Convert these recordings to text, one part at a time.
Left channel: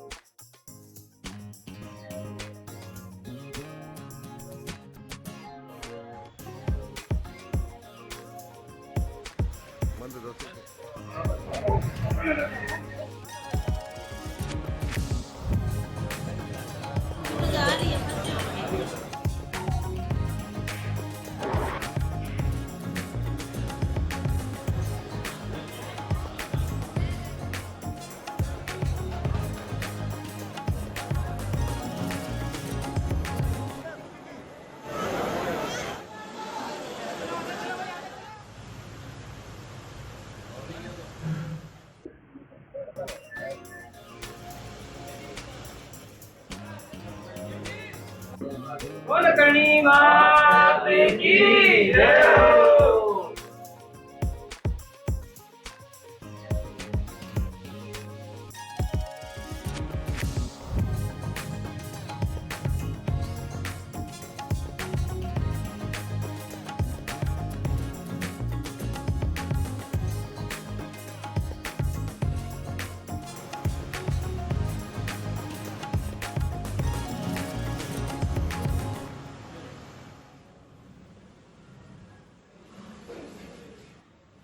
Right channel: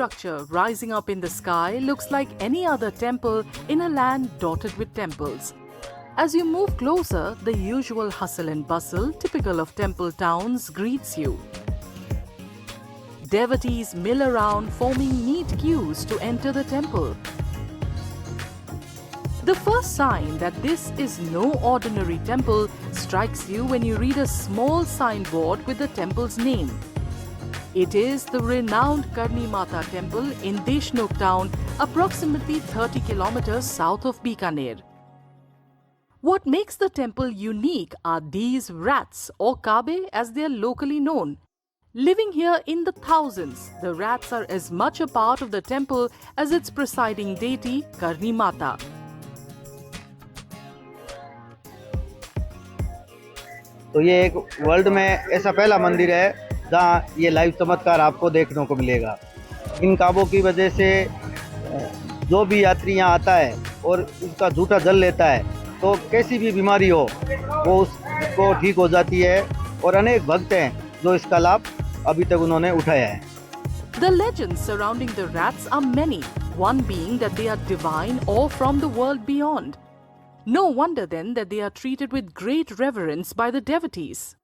structure rising up in the sky looks like any other temple in a land dotted with temples. As you move closer, the usual hustle and bustle typical of temple towns greets you. Devotees mill around, forming neat queues to enter the temple. The first sign that this is no ordinary temple strikes you when you read a small signboard with the temple's name. It is the renowned Karni Mata temple in Deshnok town, approximately 30 kilometers south of Bikaner. What makes the temple unique are these rats, or Kabe as they are locally known. Living here in the thousands, the rats are as much a part of the temple as its presiding deity, Karni Mata. तो ये एक वर्ल्ड में ऐसा पहला मंदिर है जहाँ ये लाइव चमत्कार आपको देखने को मिलेगा। इन काबों की वजह से जो भी यात्री यहाँ आता है और इसका झूठा जल लेता है तो कैसी भी बीमारी हो वो उसको ठीक हो जाती है और अनेक भक्त हैं जो इसका लाभ अभी तक उन्होंने उठाया है। The legends surrounding the rats are many, one being that they are divine or from the world beyond. No wonder then that they are treated with great reverence by the devotees.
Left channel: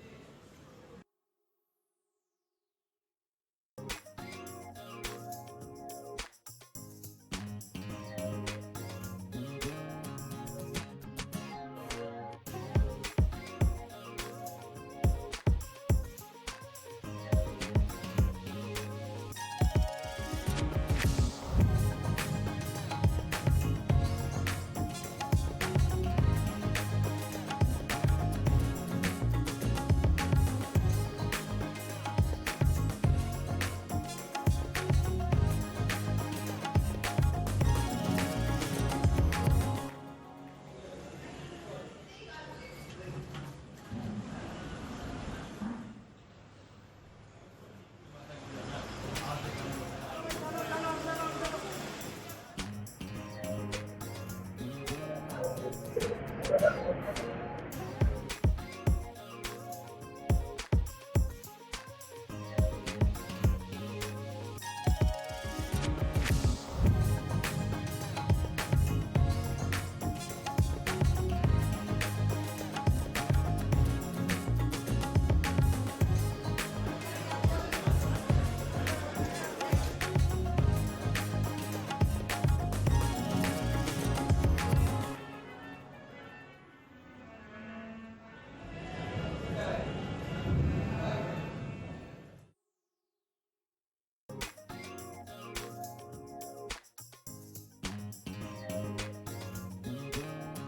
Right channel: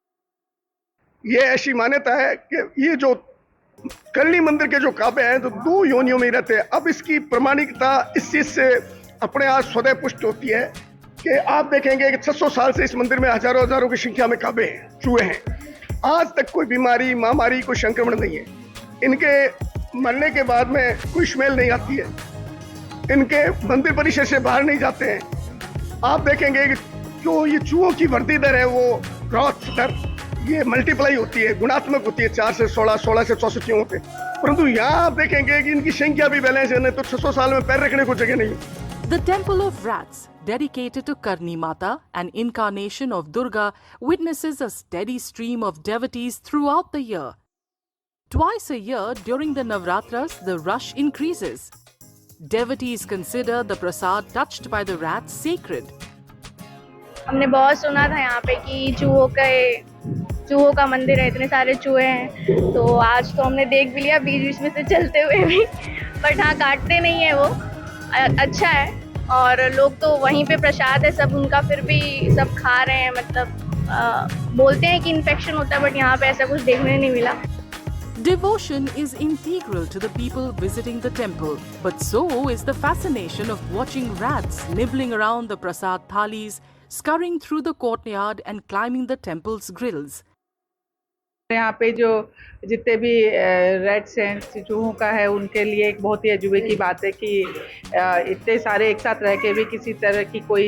ये ऐसी मान्यता है कि ये जो करनी मंदिर के जो काबे हैं तो 2 योनियों में रहते हैं। अब इसकी प्रमाणिकता इस चीज से अपने आप स्वतः पुष्ट होती है कि आप देखेंगे कि 600 साल से इस मंदिर में हजारों की संख्या में काबे हैं, चूहे हैं। आज तक कोई बीमारी, महामारी, कोई संक्रमण नहीं है। इनके मरने के बाद में कोई स्मेल नहीं आती है। इनके मंदिर परिसर से बाहर नहीं जाते हैं। आप देखेंगे कि जो ये चूहों की वृद्धि दर है वो ग्रोथ दर ये मल्टीप्लाई होती है, गुणात्मक होती है 4 से 16, 16 से 64 चूहों पे। परंतु यहाँ आप देखेंगे कि इनकी संख्या भी बैलेंस है, नहीं तो 600 साल में पैर रखने को जगह नहीं। The Temple of Rats, dedicated to Karni Mata, an incarnation of Durga, witnesses a steady stream of devotees throughout the year. Twice a year during the Navratras, the rush increases. Devotees consider the prasad touched by the rats sacred. हमने बहुत सुना था यहाँ पे कि चूहों का मंदिर है, इतने सारे चूहे हैं, तो आज तो हमने देख भी लिया बीच में से चलते हुए भी। बट हाँ, काटते नहीं है वो, अच्छा है। और लोग तो वहीं पे प्रसाद है सब उनका, फिर भी सब खा रहे हैं। मतलब बोलते हैं कि इन्फेक्शन होता है, बट यहाँ पे ऐसा कुछ देखने नहीं मिला। Devotion is integral to the people visiting the temple, but so is the fascination of watching rats nibbling around the prasad thalis, scurrying through the courtyard and climbing the temple's grills. यहाँ पे जो जितने भी रेड्स हैं, चूहों का है, उनके लिए एक बहुत ही अजूबे की बात है कि इतने सारे एक साथ रह के भी किसी तरह की कोई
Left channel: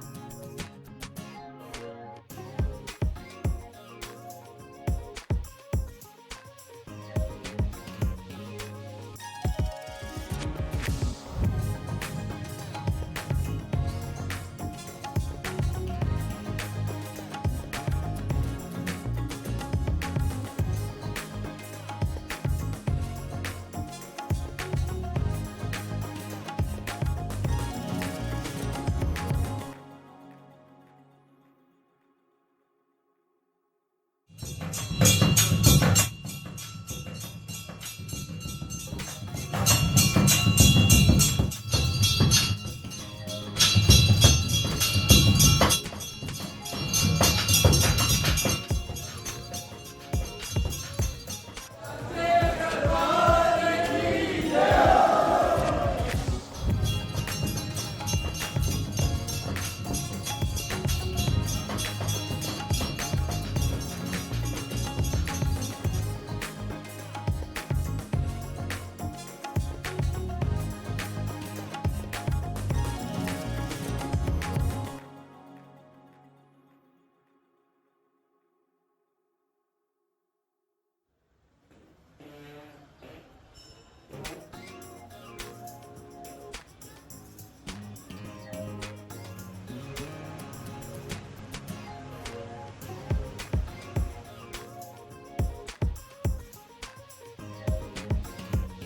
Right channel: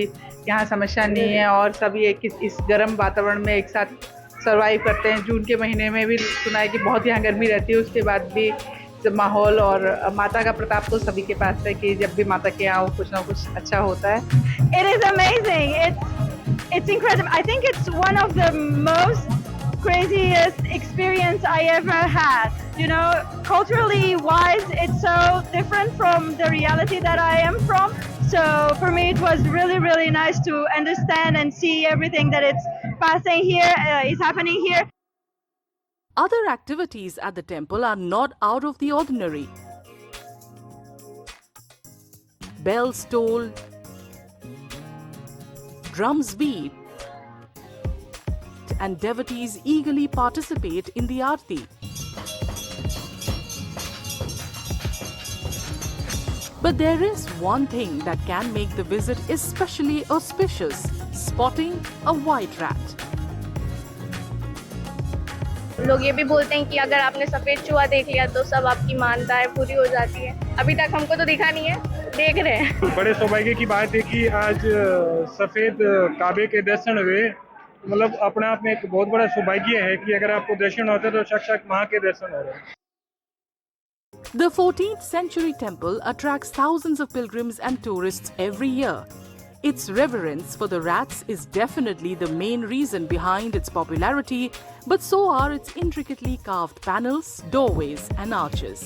यहाँ समस्या नहीं है और सब ये इस गर्म वातावरण में एक साथ सर्वाइव करते हैं। जून के महीने में भी सुना है कि बहुत यहाँ गर्मी रहती है, उसके बाद भी माहौल और माता का प्रताप तो सभी के पास है कि जब भी माता के यहाँ कुछ ना कुछ अच्छा होता है। It is amazing. It's incredible. I think it's one of the most craziest experience I ever had. You know, culturally wise, it's so different from the reality that I am from. So for me, it was really nice to understand and see everything that it's passing here, is happening here. Other activities at the temple are not out of the ordinary. Bells toll, drums beat, and devotees eagerly participate in the aarti. But there is one thing that can make the visit especially auspicious: spotting a white rat. लोग ये भी बोलते हैं कि अगर आपने सफेद चूहा देख लिया तो सब आपकी मान्यताएं पूरी हो जाती है। अभी तक हमको तो दिखा नहीं है, देख रहे हैं। बड़े सौभाग्य की बात है कि आज सफेद काबे के दर्शन हुए। मतलब अपने आप में एक बहुत बड़ा सौभाग्य है कि अगर आपको दर्शन होते तो साक्षात मां के दर्शन हो रहे हैं। The 14th century temple attracts thousands of pilgrims and tourists every year. Its reverence for the rats is definitely the main reason behind its popularity, but so are its intricately carved panels, doorways, and arches.